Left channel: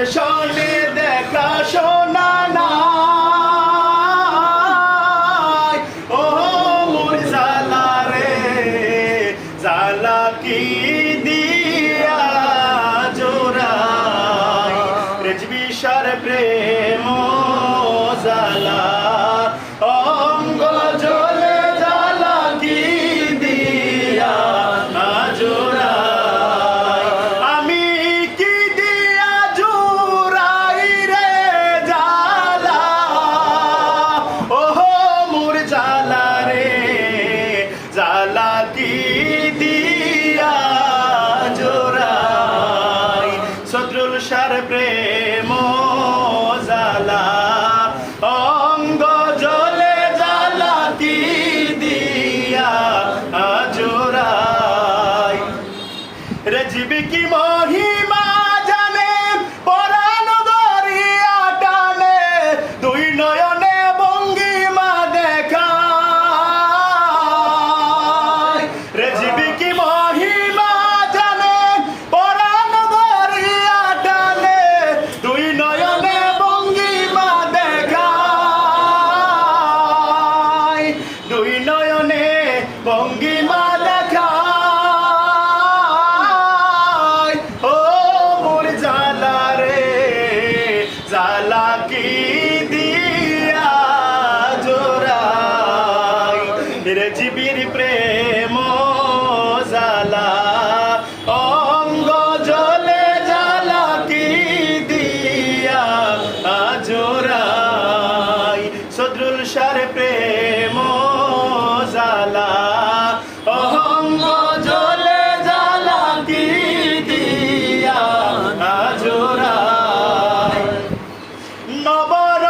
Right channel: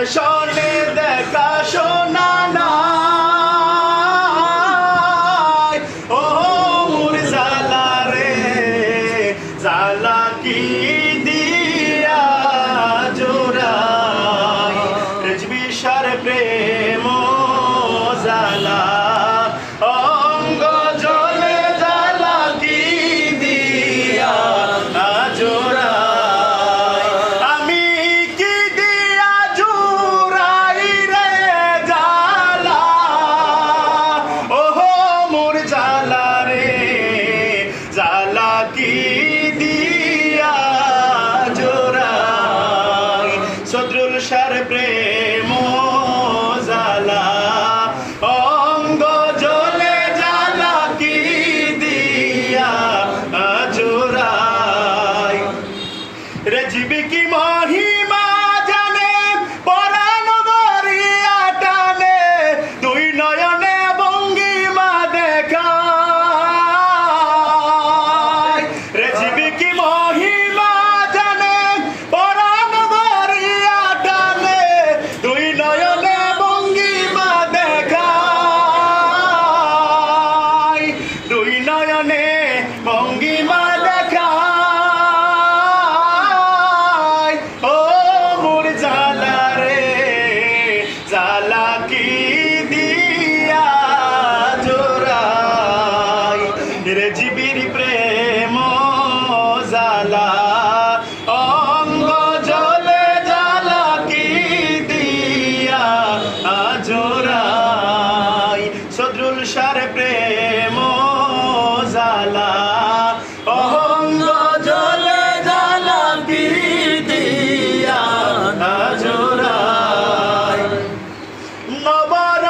দর্শনে দেখা শোনা নাই। ও জালা রে জালা কি দিয়া জোরা রেজবি সার প্রেম siempre চরণে Nabara.